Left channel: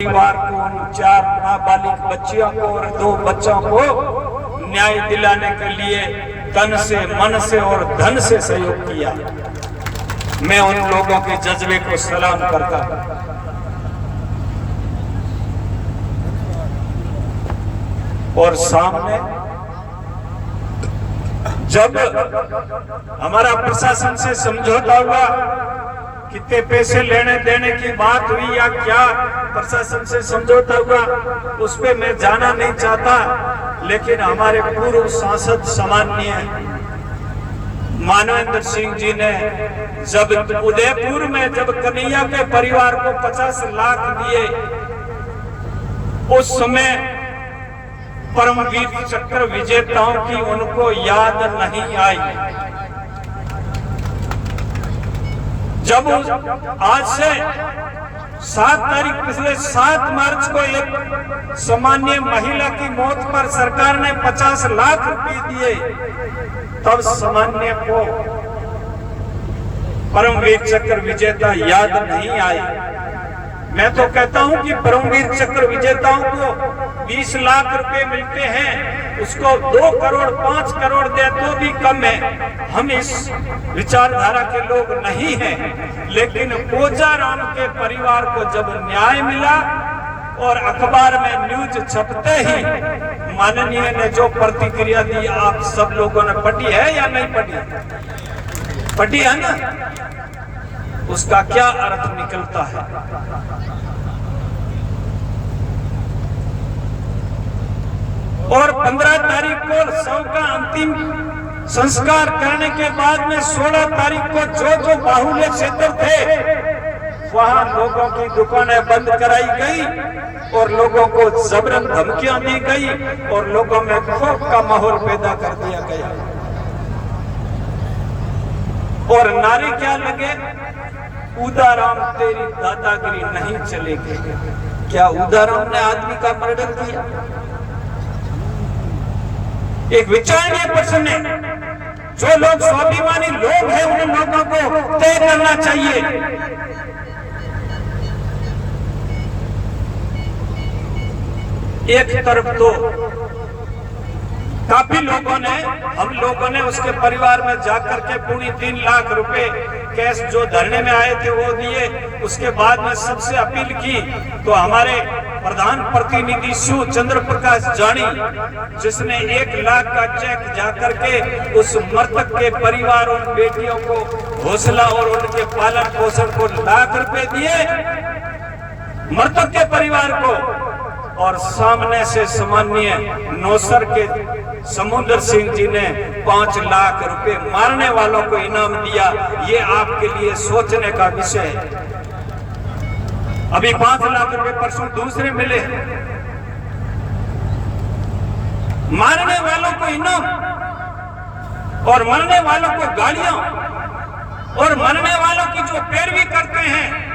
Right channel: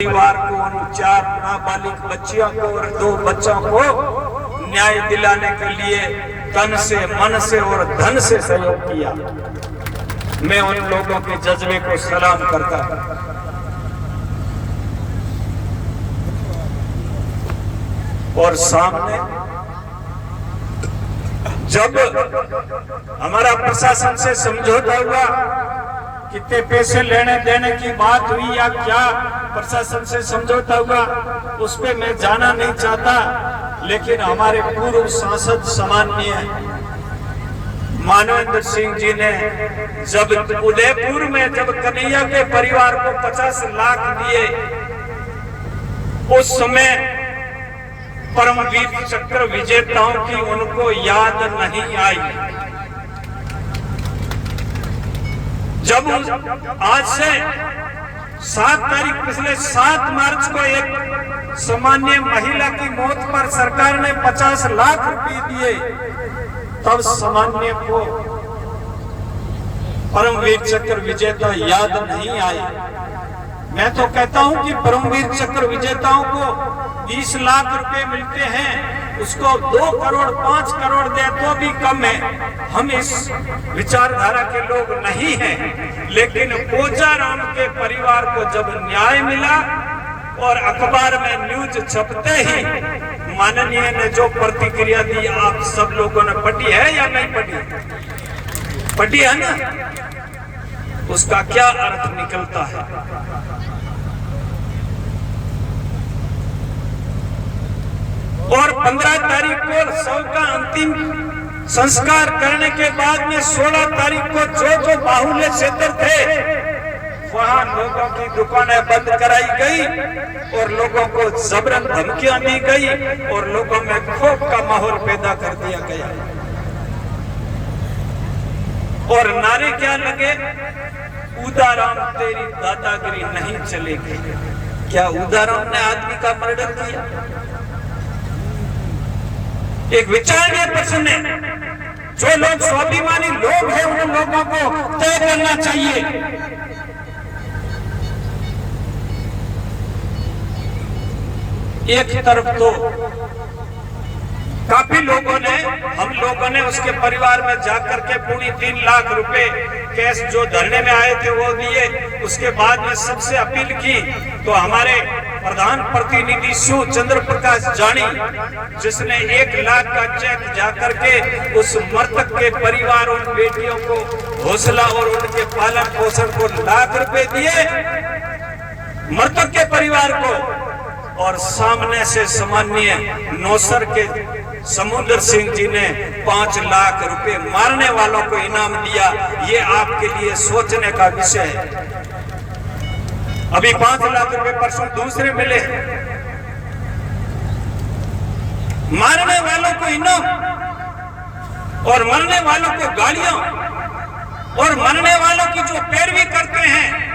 परिवार को, उन 4 नाबालिग बच्चियों को और 2 बच्चों को न्याय दिलाने के लिए तन से, मन से और धन से सहयोग किया। मैं उन लोगों के जज्बे को सलाम करता हूं। और सामने जब हमारा प्रशासन से समझौता हुआ, कितने पैसे लेने देने की बात हुई या क्या प्रशासन से समझौता हुआ, उस पे मैं जाना नहीं चाहता। लेकिन हमारे पूर्व सांसद सम्माननीय मानवेंद्र सिंह जी ने जब उदयपुर में जब कन्हैया के परिवार को 50 लाख दिए, उस समय परमवीर चक्र विजेताओं की उनको याद नहीं आई। जब आज से 7 तारीख पिछले 7 मार्च को एक सामान्य महिला की मौत पर सरकार ने 50 लाख रुपए दिए, तब सामान्य को परमवीर चक्र विजेता याद नहीं आए। मैं तो कहता हूं कि परमवीर चक्र विजेताओं को 20 लाख रुपए मिलते हैं, उसको 2 करोड़ 5 करोड़ दे तो भी कम है। हम इस विचारधारा के लोग नहीं हैं, लेकिन कोजाराम के परिवार को जब न्याय मिला और अखबार में न्यूज छपते ही माननीय ने जो प्रतिक्रिया दी, आप सब लोगों ने पढ़ी है या नहीं पढ़ी? पढ़ी है ना? उसका क्या अर्थ निकलता है? और 15 तारीख को शव का अंतिम संस्कार करने के बाद में 16 तारीख को जो बाहुल्य क्षेत्र थे वहां लोगों की दुकानें बंद कराई गई और लोगों को जबरन धमकियां दी गई और लोगों में खौफ का माहौल पैदा कर दिया गया। और नारे क्या लगे? उदाराम तेरी दादागिरी नहीं चलेगी। क्या उदाराम ने आदमी का मर्डर किया? एक विचारणीय प्रश्न है। जो लोग स्वाभिमानी लोग हैं उन लोगों को तय करना चाहिए। एक तरफ तो काफी लोगों ने, हम लोगों ने उसके परिवार में जाकर के पूरी 3 लाख रुपए कैश जो धरने में आए थे वो दिए। उसके बाद में सबसे अपील की तो हमारे प्रधान प्रतिनिधि शिव चंद्र प्रकाश जानी, जिसने 1 लाख का चेक जाकर के उस मृतक के परिवार और बेटियों को हौसला और उनके पालन पोषण को लाख रुपए दिए मृतक के परिवार को। और सामने से सामान्य नौसर के समुद्र सिंह जी ने 5 लाख रुपए मारने वालों को इनाम दिया। ये आपके लिए सोचने का विषय है। अभी 5 लाख रुपए परसों दूसरे मिले। मारने वालों को इनाम और मरने वालों को गालियां और मरने वालों की जो पैरवी करते हैं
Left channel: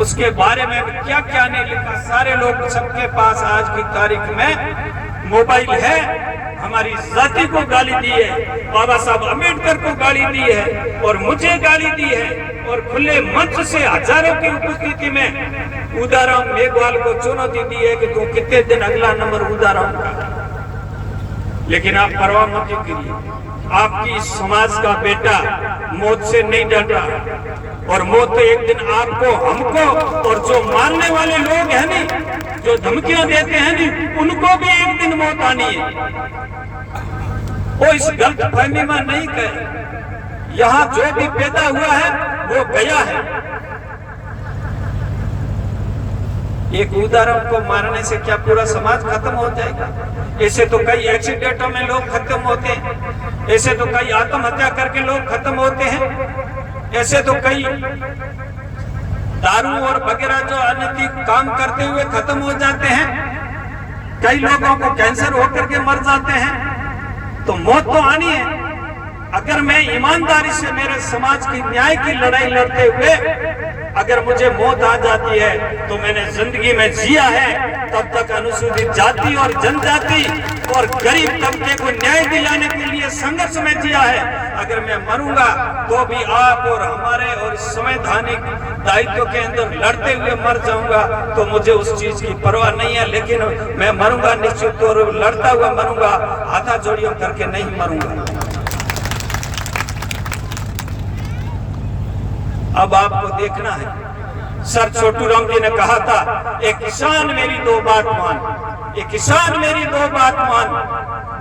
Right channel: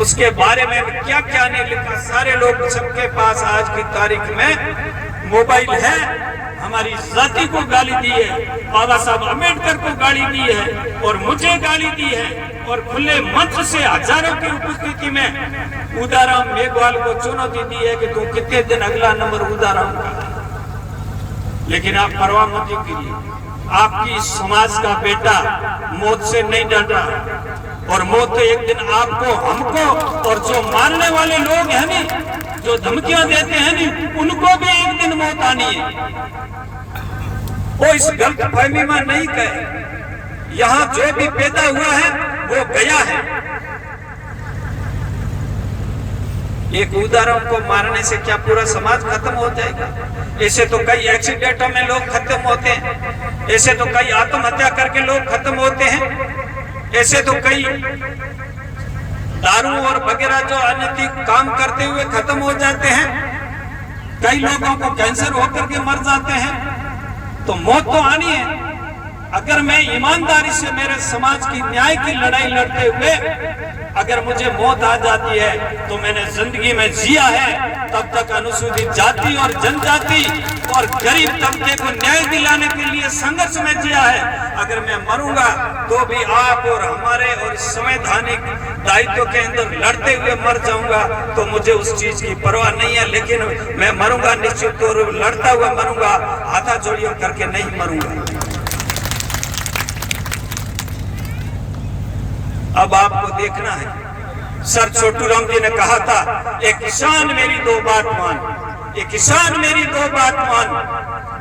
उसके बारे में क्या क्या नहीं लिखा। सारे लोग, सबके पास आज की तारीख में मोबाइल है। हमारी जाति को गाली दी है, बाबा साहब अम्बेडकर को गाली दी है और मुझे गाली दी है। और खुले मंच से हजारों की उपस्थिति में उदाराम मेघवाल को चुनौती दी है कि तू कितने दिन अगला नंबर उदाराम का। लेकिन आप परवाह मत कीजिए, आपकी समाज का बेटा मौत से नहीं डरा और मौत तो एक दिन आपको, हमको और जो मारने वाले लोग हैं नहीं, जो धमकियां देते हैं नहीं, उनको भी एक दिन मौत आनी है। वो इस गलत फहमी में नहीं कहे। यहाँ जो भी पैदा हुआ है वो गया है। एक उदाहरण को मारने से क्या पूरा समाज खत्म हो जाएगा? ऐसे तो कई एक्सीडेंटों में लोग खत्म होते हैं, ऐसे तो कई आत्महत्या करके लोग खत्म होते हैं, ऐसे तो कई दारू और वगैरह जो अनैतिक काम करते हुए खत्म हो जाते हैं, कई लोगों को कैंसर होकर के मर जाते हैं। तो मौत तो आनी है। अगर मैं ईमानदारी से मेरे समाज की न्याय की लड़ाई लड़ते हुए अगर मुझे मौत आ जाती है तो मैंने जिंदगी में जिया है तब तक अनुसूचित जाति और जनजाति और गरीब तबके को न्याय दिलाने के लिए संघर्ष में जिया है। अगर मैं मरूंगा तो भी आप और हमारे और संवैधानिक दायित्व के अंदर लड़ते हुए मर जाऊंगा, तो मुझे उस चीज की परवाह नहीं है। लेकिन मैं मरूंगा निश्चित तौर पर लड़ता हुआ मरूंगा, हाथा जोड़ियों करके नहीं मरूंगा। अब आपको देखना है, सर छोटू राम जी ने कहा था, एक किसान मेरी दो बात मान, एक किसान मेरी दो बात मान,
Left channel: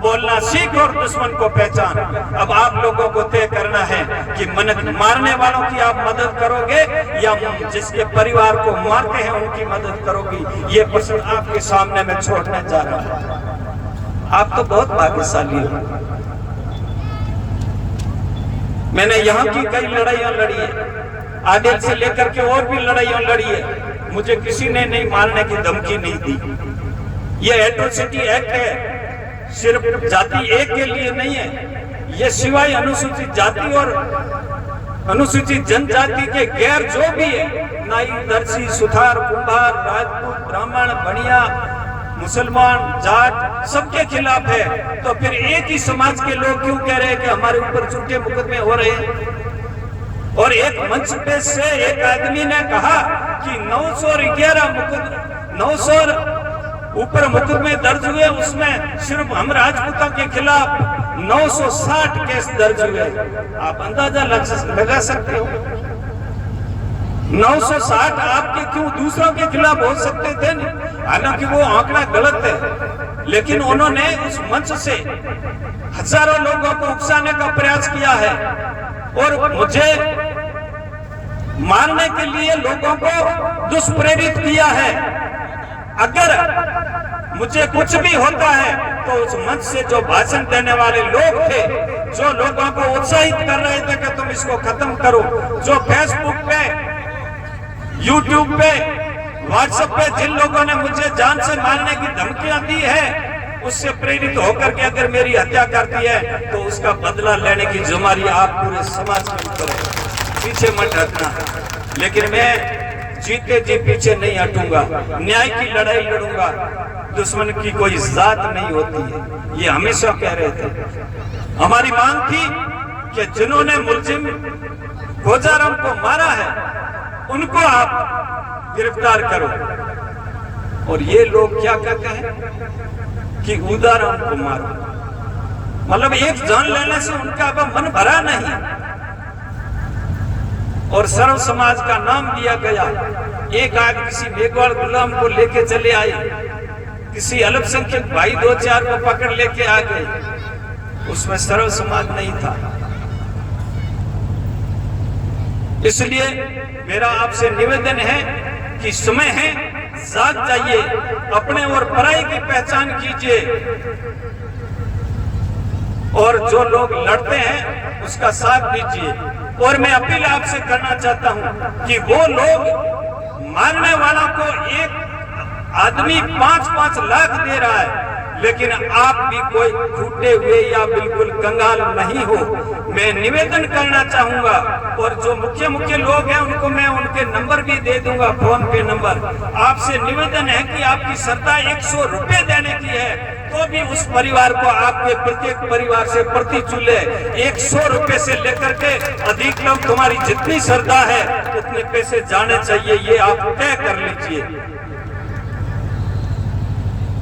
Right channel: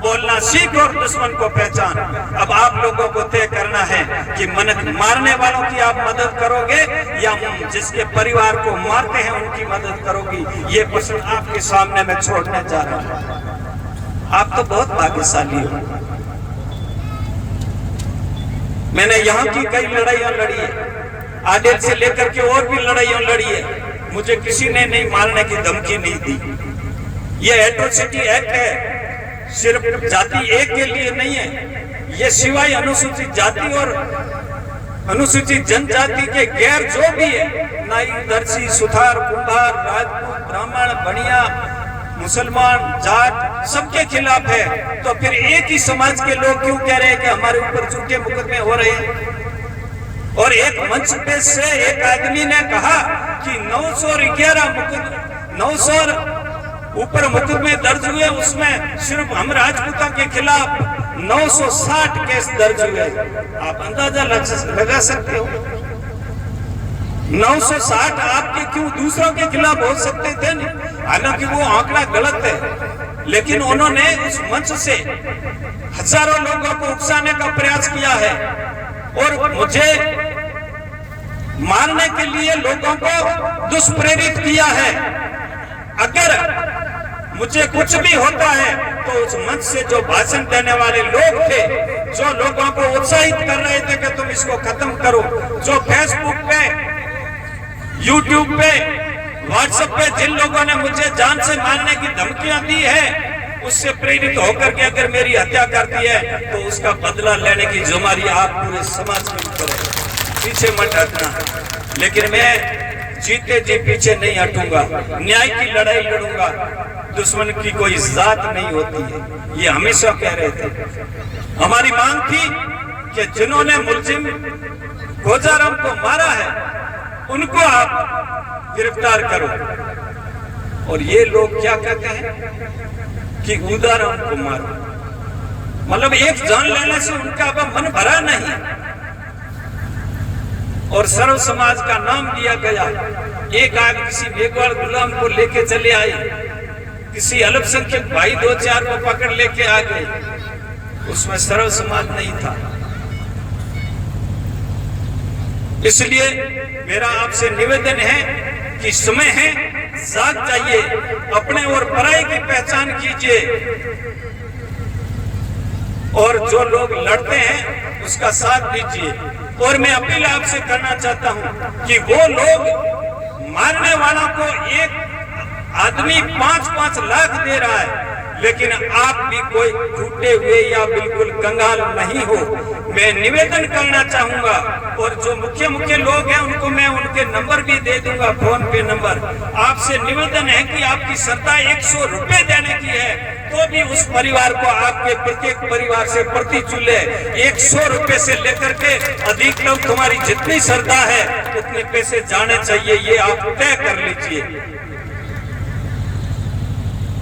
बोलना सीख और दुश्मन को पहचान। अब आप लोगों को तय करना है कि मारने वालों की आप मदद करोगे या जिसके परिवार को मारते हैं उनकी मदद करोगी। ये प्रश्न आपके सामने मैं छोड़ने जा रहा हूं। आप तो बहुत भाग्यशाली हो। मैंने यहाँ की कई लड़ाइयां लड़ी है, आदिल से लेकर के और भी लड़ाइयां लड़ी है, मुझे किसी ने नहीं मारने की धमकी नहीं दी। ये एट्रोसिटी एक्ट है, सिर्फ जाति एक के लिए नहीं है, ये सिवाय अनुसूचित जाति और अनुसूचित जनजाति के गैर जो भी है, नाई, दर्जी, सुथार, कुंभार, राजपूत, ब्राह्मण, बनिया, मुसलमान, जाट, सबके खिलाफ है। तो फिर एक ही समाज के लोग क्यों कह रहे हैं कि हमारे ऊपर झूठे मुकदमे हो रहे हैं? और एक मंच पे से एक आदमी ने कहा कि 911 ऊपर मुकदमे दर्ज हुए, उसमें सिर्फ हम राजपूतों के खिलाफ 960 केस दर्ज हुए। आप अंदाजा लगा सकते हो 960 आपके क्यों दूसरों के खिलाफ हो सकते थे नहीं? हालांकि वो आंकड़ा गलत है, लेकिन उन्होंने उस मंच से हजारों लोगों को उकसाने का प्रयास किया है और मुझे मारने के लिए लोगों को दुष्प्रेरित किया है। अगर मुझे कुछ भी होता है तो उस मंच से जो भाषण देने वाले लोग थे, जो लोगों को उत्साहित कर रहे थे कि तुम इसको खत्म करो, जो फेसबुक पे, यूट्यूब पे, व्हाट्सएप पे जिन लोगों ने मुझे जान से मारने की धमकियां दी है, उससे प्रेरित होकर के अगर मेरी हत्या करती है तो उसका बदला लेने की जिम्मेदारी आप पूरे समाज में करें, पीछे मत हटना। लेकिन मैं जीते जी पीछे नहीं हटूंगा, न्याय की लड़ाई लड़ूंगा। दुश्मन की कोई जात नहीं होती है, ये हमेशा कह रहे थे। हमारी मांग थी कि जिन्होंने मुलजिम गोजाराम को मारा है उनको आप गिरफ्तार करो। और ये लोग क्या कहते हैं कि उदाराम को मारो, मतलब एक जान लेने से उनका अब मन भरा नहीं। और सर्व समाज का नाम दिया गया। एक आग किसी बेगौर गुलाम को लेके चले आए, किसी अल्पसंख्यक भाई 2-4 को पकड़ लेके आ गए, उसमें सर्व समाज नहीं था। इसलिए मेरा आपसे निवेदन है कि समय है, जाग जाइए, अपने और पराई की पहचान कीजिए और जो लोग लड़ते हैं उसका साथ दीजिए। और मैं अपील आपसे करना चाहता हूं कि वो लोग मारने वालों को एक आदमी 5-5 लाख दे रहा है, लेकिन आप भी कोई टूटे हुए या बिल्कुल कंगाल नहीं हो। मैं निवेदन करना चाहूंगा और जो मुख्य लोग हैं उनको मैं उनके नंबर भी दे दूंगा, फोन पे नंबर। आपसे निवेदन है कि आपकी श्रद्धा 100 रुपए देने की है तो भी उस परिवार को, आपके प्रत्येक परिवार से प्रति चूल्हे 100 रुपए से लेकर के अधिक लोग, तुम्हारी जितनी श्रद्धा है उतने पैसे जाने चाहिए, ये आप तय कर लीजिए।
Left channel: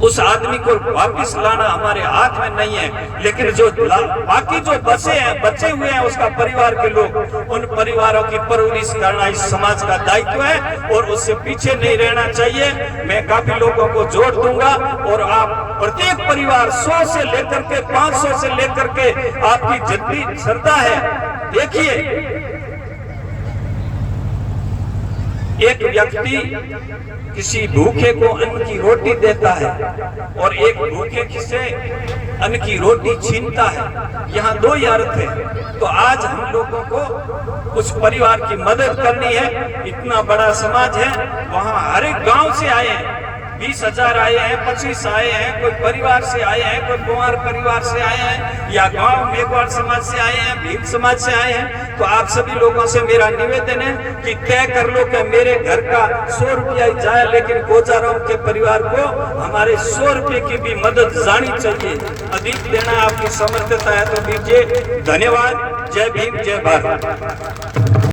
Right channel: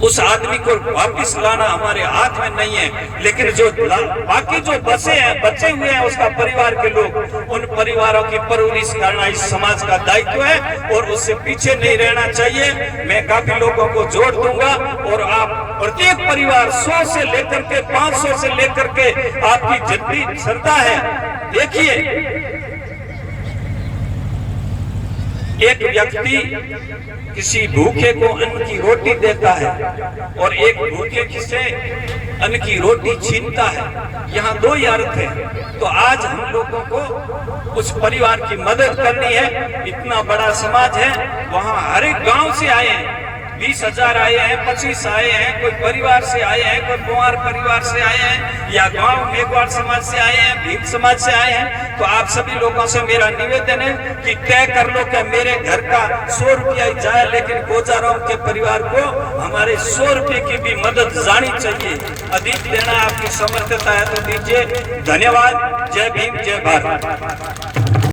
उस आदमी को वापिस लाना हमारे हाथ में नहीं है, लेकिन जो बाकी जो बचे हुए हैं उसका परिवार के लोग, उन परिवारों की परवरिश करना इस समाज का दायित्व है और उससे पीछे नहीं रहना चाहिए। मैं काफी लोगों को जोड़ दूंगा और आप प्रत्येक परिवार 100 से लेकर के 500 से लेकर के आपकी जितनी श्रद्धा है, देखिए एक व्यक्ति किसी भूखे को अन्न की रोटी देता है और एक भूखे किसे अन्न की रोटी छीनता है, यहाँ दो ही अर्थ है। तो आज हम लोगों को उस परिवार की मदद करनी है। इतना बड़ा समाज है, वहाँ हर एक गांव से आए हैं, 20,000 आए हैं, 25 आए हैं, कोई परिवार से आए हैं, कोई कुंवर परिवार से आए हैं, या गांव मेघवाड़ समाज से आए हैं, भील समाज से आए हैं, तो आप सभी लोगों से मेरा निवेदन है कि तय कर लो कि मेरे घर का 100 रुपया ही जाए, लेकिन गोचाराम के परिवार को हमारे 100 रुपये की भी मदद जानी चाहिए। अधिक देना आपकी समर्थता है तो दीजिए। धन्यवाद। जय भीम, जय भारत।